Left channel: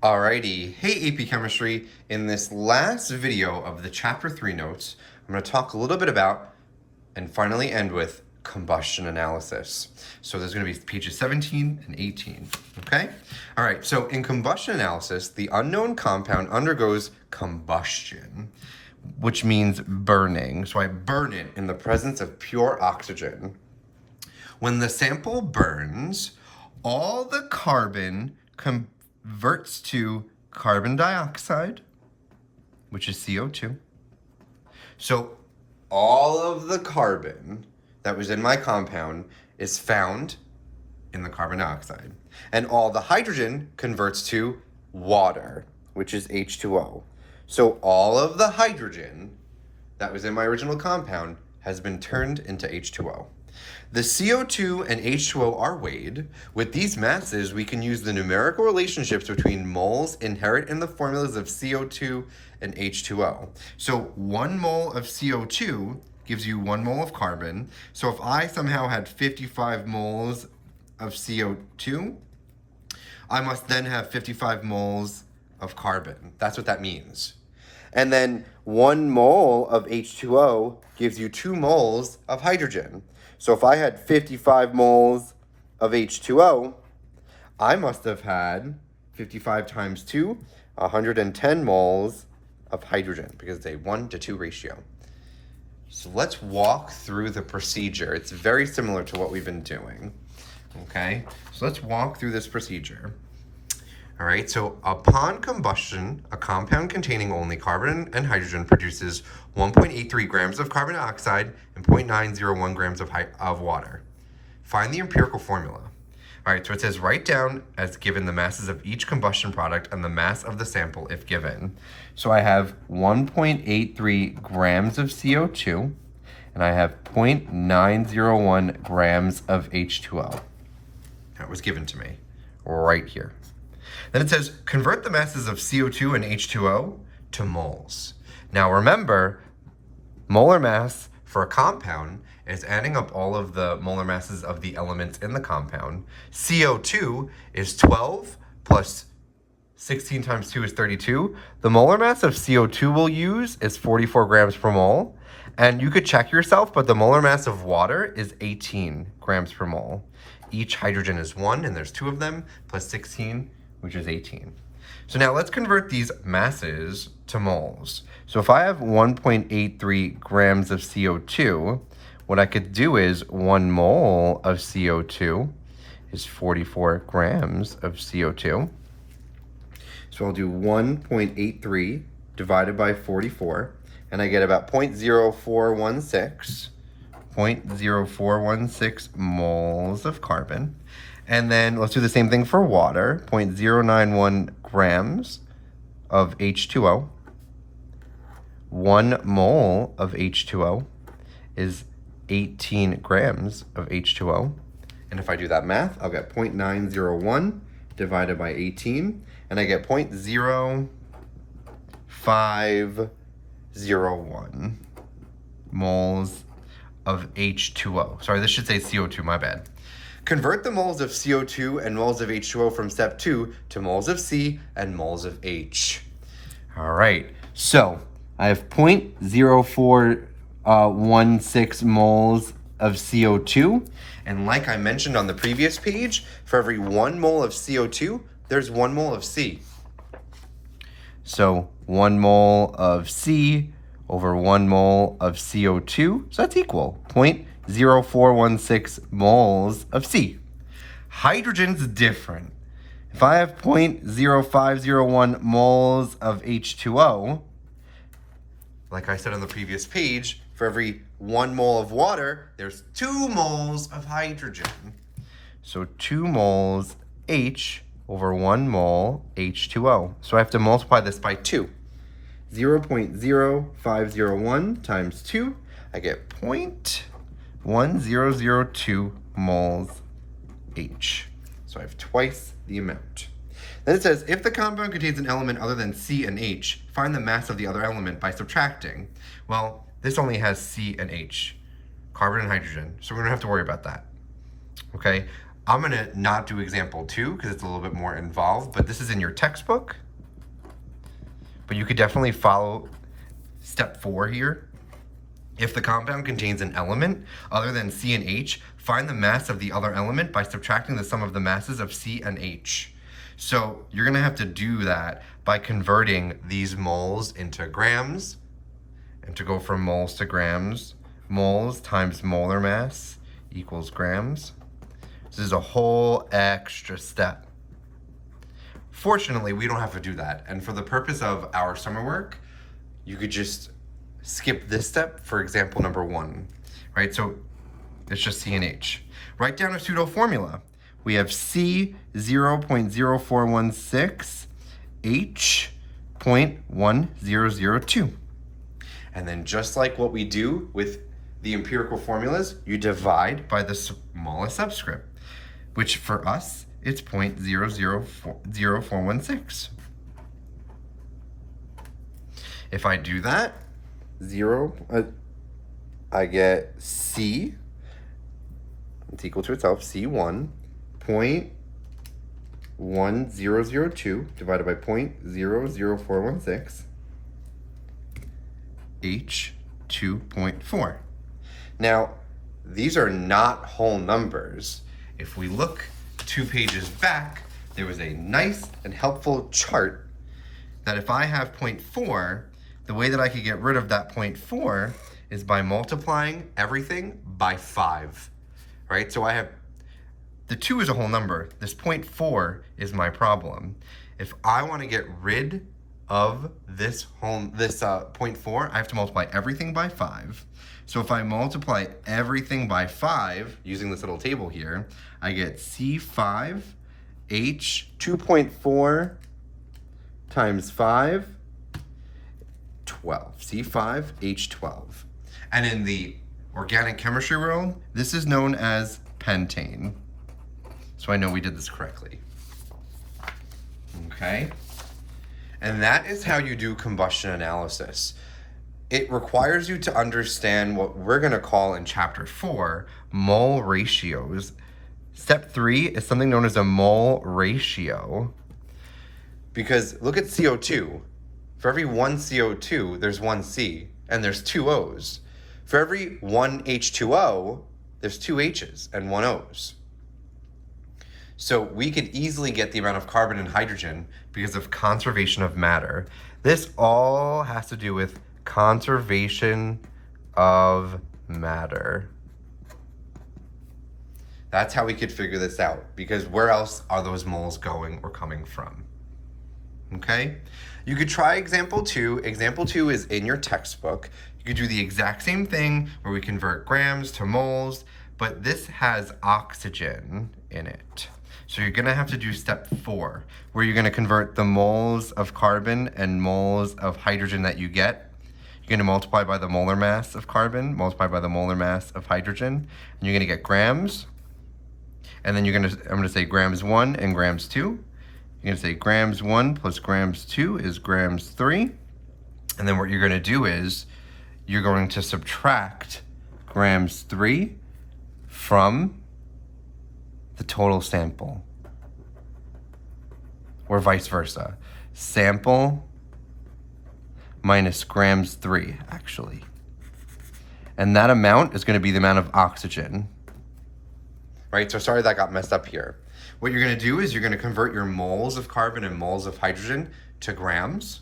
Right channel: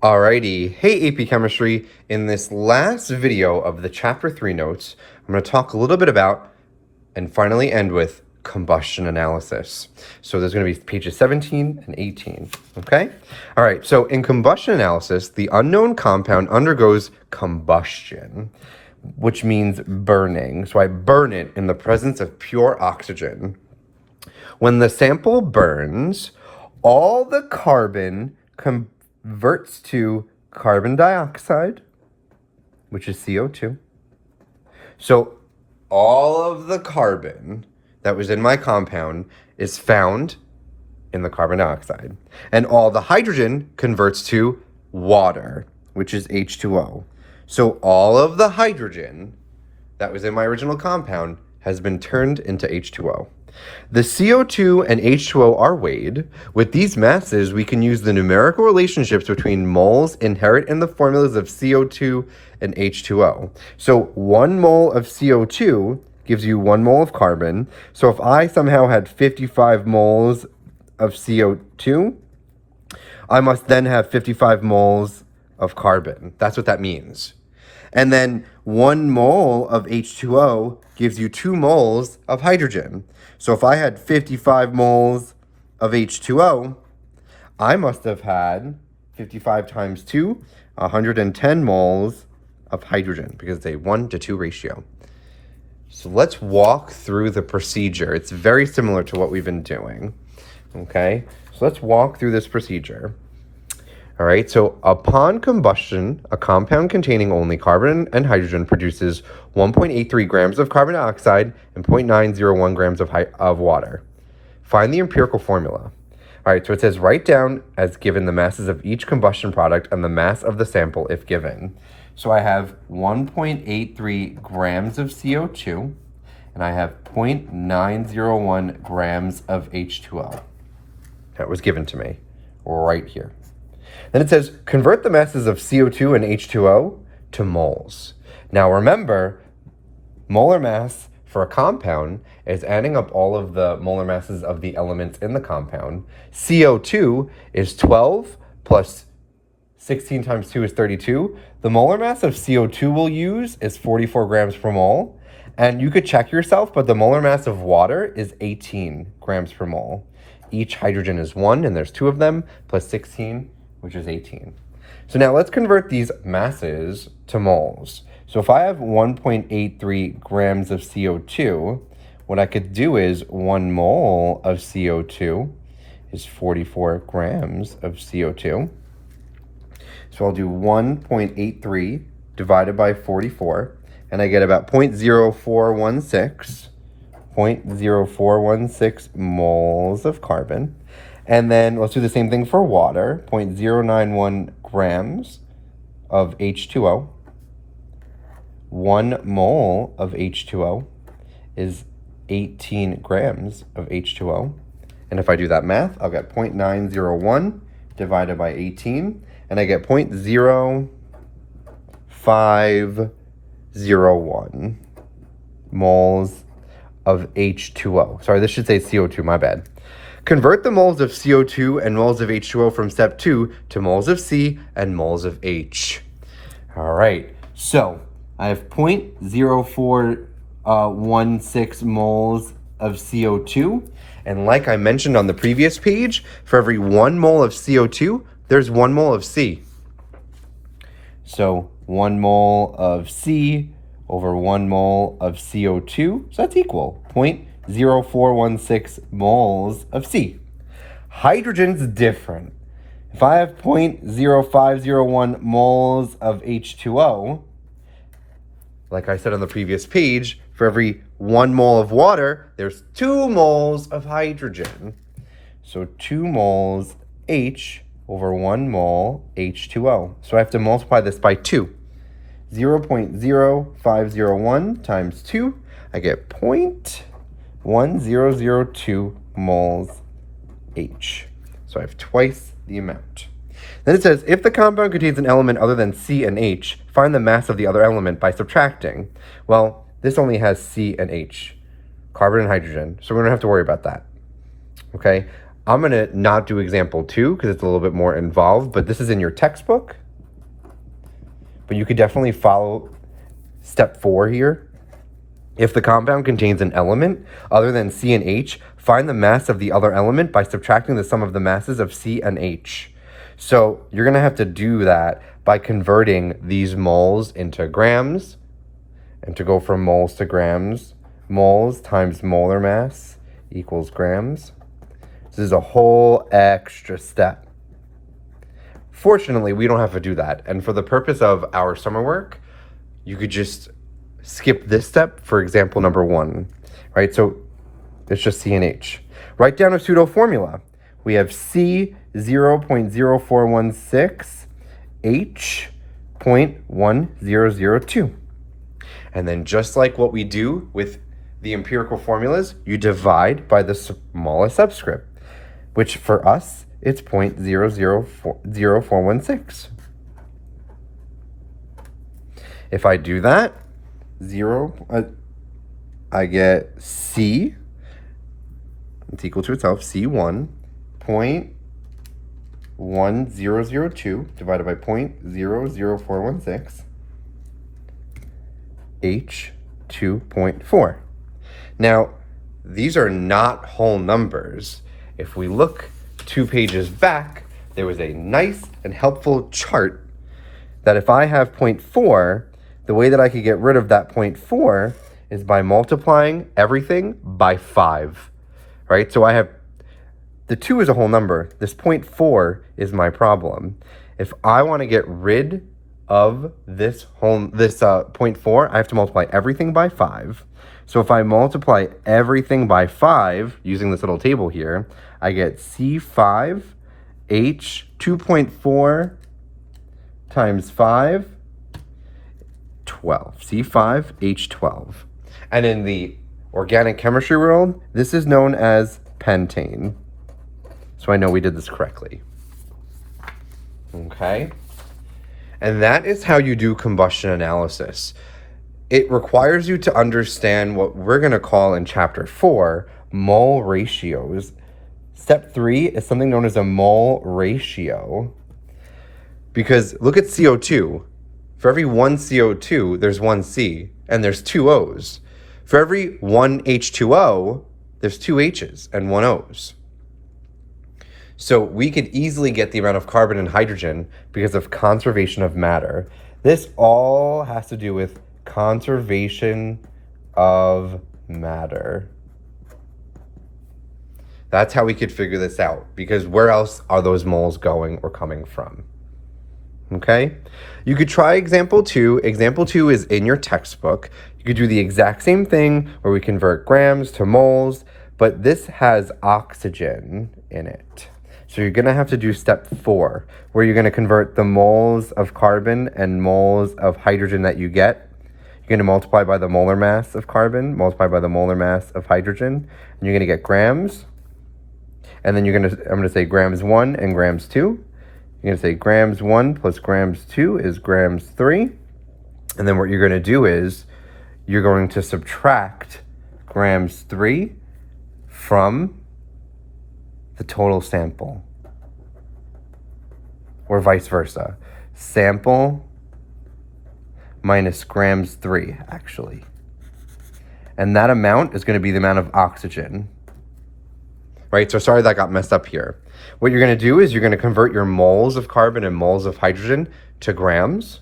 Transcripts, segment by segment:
Alrighty, hey AP Chemistry. In this last video of the Chapter 3 notes, I'm going to talk a little bit about, and finally end with, combustion analysis. So there's going to be pages 17 and 18, okay? Alright, so in combustion analysis, the unknown compound undergoes combustion, which means burning. So I burn it in the presence of pure oxygen. When the sample burns, all the carbon converts to carbon dioxide, which is CO2. So all of the carbon that was in my compound is found in the carbon dioxide. And all the hydrogen converts to water, which is H2O. So all of the hydrogen that was in my original compound has been turned into H2O. The CO2 and H2O are weighed. With these masses, we can use the numerical relationships between moles inherent in the formulas of CO2 and H2O. So 1 mole of CO2 gives you 1 mole of carbon. So if I somehow had 55 moles of CO2, I must then have 55 moles of carbon. That's what that means. And then 1 mole of H2O gives you 2 moles of hydrogen. So if I had 55 moles of H2O, I must have had 55 times 2, 110 moles of hydrogen, because it's a 1-to-2 ratio. So let's walk through the procedure. It's very similar to what we've been doing, okay? So let's walk through this procedure. All right, so upon combustion, a compound containing only carbon and hydrogen produces 1.83 grams of carbon dioxide and 0.901 grams of water. Find the empirical formula. All right, so it says write down as given the masses of each combustion product and the mass of the sample if given. So I have 1.83 grams of CO2 and I have 0.901 grams of H2O. That was given to me right here. Then it says, convert the masses of CO2 and H2O to moles. Now remember, molar mass for a compound is adding up all of the molar masses of the elements in the compound. CO2 is 12 plus 16 times 2 is 32. The molar mass of CO2 we'll use is 44 grams per mole. And you could check yourself, but the molar mass of water is 18 grams per mole. Each hydrogen is 1, and there's 2 of them, plus 16, which is 18. So now let's convert these masses to moles. So if I have 1.83 grams of CO2, what I could do is 1 mole of CO2 is 44 grams of CO2. So I'll do 1.83 divided by 44, and I get about 0.0416 moles of carbon. And then let's do the same thing for water, 0.091 grams of H2O. 1 mole of H2O is 18 grams of H2O. And if I do that math, I'll get 0.901 divided by 18, and I get 0.0501 moles of H2O. Sorry, this should say CO2, my bad. Convert the moles of CO2 and moles of H2O from step 2 to moles of C and moles of H. All right, so I have 0.0416 moles of CO2. And like I mentioned on the previous page, for every 1 mole of CO2, there's 1 mole of C. So 1 mole of C over 1 mole of CO2, so that's equal 0.0416 moles of C. Hydrogen's different. If I have 0.0501 moles of H2O, like I said on the previous page, for every 1 mole of water, there's 2 moles of hydrogen. So 2 moles H over 1 mole H2O. So I have to multiply this by 2. 0.0501 times 2, I get 0.1002 moles H. So I have twice the amount. Then it says, if the compound contains an element other than C and H, find the mass of the other element by subtracting. Well, this only has C and H, carbon and hydrogen, so we don't have to worry about that. Okay? I'm going to not do example 2 because it's a little bit more involved, but this is in your textbook. But you could definitely follow step 4 here. If the compound contains an element other than C and H, find the mass of the other element by subtracting the sum of the masses of C and H. So you're going to have to do that by converting these moles into grams. And to go from moles to grams, moles times molar mass equals grams. This is a whole extra step. Fortunately, we don't have to do that. And for the purpose of our summer work, you could just skip this step for example number 1, right? So it's just C and H. Write down a pseudo formula. We have C 0.0416, H 0.1002. And then just like what we do with the empirical formulas, you divide by the smallest subscript, which for us, it's 0.000416. If I do that, I get C, it's equal to itself, C1.1002 divided by 0.00416, H 2.4. Now, these are not whole numbers. If we look 2 pages back, there was a nice and helpful chart that if I have 0.4, the way that I could get rid of that 0.4 is by multiplying everything by 5, right? So I have, the 2 is a whole number. This 0.4 is my problem. If I want to get rid of this 0.4, I have to multiply everything by 5. So if I multiply everything by 5, using this little table here, I get C5, H 2.4 times 5, 12. C5, H12. And in the organic chemistry world, this is known as pentane. So I know we did this correctly. Okay? And that is how you do combustion analysis. It requires you to understand what we're going to call in chapter 4, mole ratios. Step 3 is something known as a mole ratio. Because look at CO2. For every 1 CO2, there's 1 C, and there's 2 O's. For every 1 H2O, there's 2 H's and 1 O's. So we could easily get the amount of carbon and hydrogen because of conservation of matter. This all has to do with conservation of matter. That's how we could figure this out, because where else are those moles going or coming from? Okay? You could try example 2. Example 2 is in your textbook. You could do the exact same thing where we convert grams to moles, but this has oxygen in it. So you're going to have to do step 4, where you're going to convert the moles of carbon and moles of hydrogen that you get. You're going to multiply by the molar mass of carbon, multiply by the molar mass of hydrogen, and you're going to get grams. And then I'm going to say grams 1 and grams 2. You're going to say grams 1 plus grams 2 is grams 3. And then what you're going to do is you're going to subtract grams 3 from the total sample, or vice versa. Sample minus grams 3, actually. And that amount is going to be the amount of oxygen. Right, so sorry that got messed up here. What you're going to do is you're going to convert your moles of carbon and moles of hydrogen to grams.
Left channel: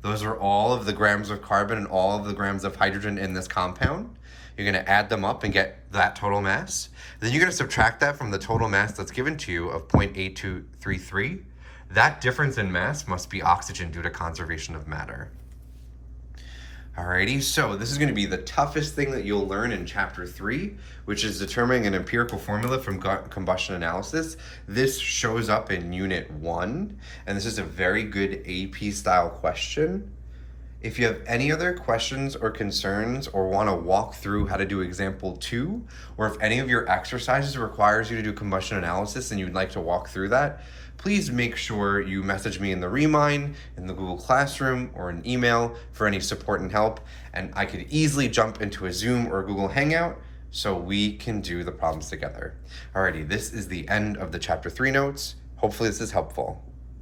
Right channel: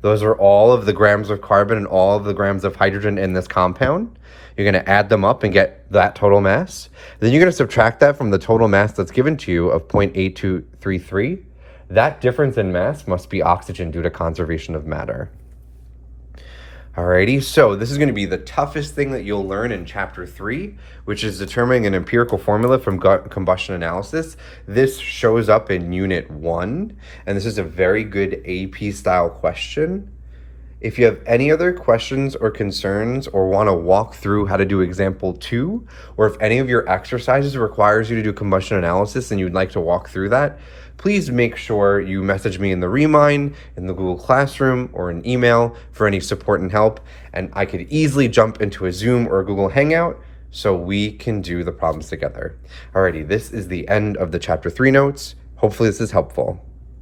Those are all of the grams of carbon and all of the grams of hydrogen in this compound. You're going to add them up and get that total mass. Then you're going to subtract that from the total mass that's given to you of 0.8233. That difference in mass must be oxygen due to conservation of matter. Alrighty, so this is going to be the toughest thing that you'll learn in chapter 3, which is determining an empirical formula from combustion analysis. This shows up in unit 1, and this is a very good AP style question. If you have any other questions or concerns, or want to walk through how to do example 2, or if any of your exercises requires you to do combustion analysis and you'd like to walk through that, please make sure you message me in the Remind, in the Google Classroom, or an email for any support and help, and I could easily jump into a Zoom or a Google Hangout so we can do the problems together. Alrighty, this is the end of the chapter 3 notes. Hopefully this is helpful.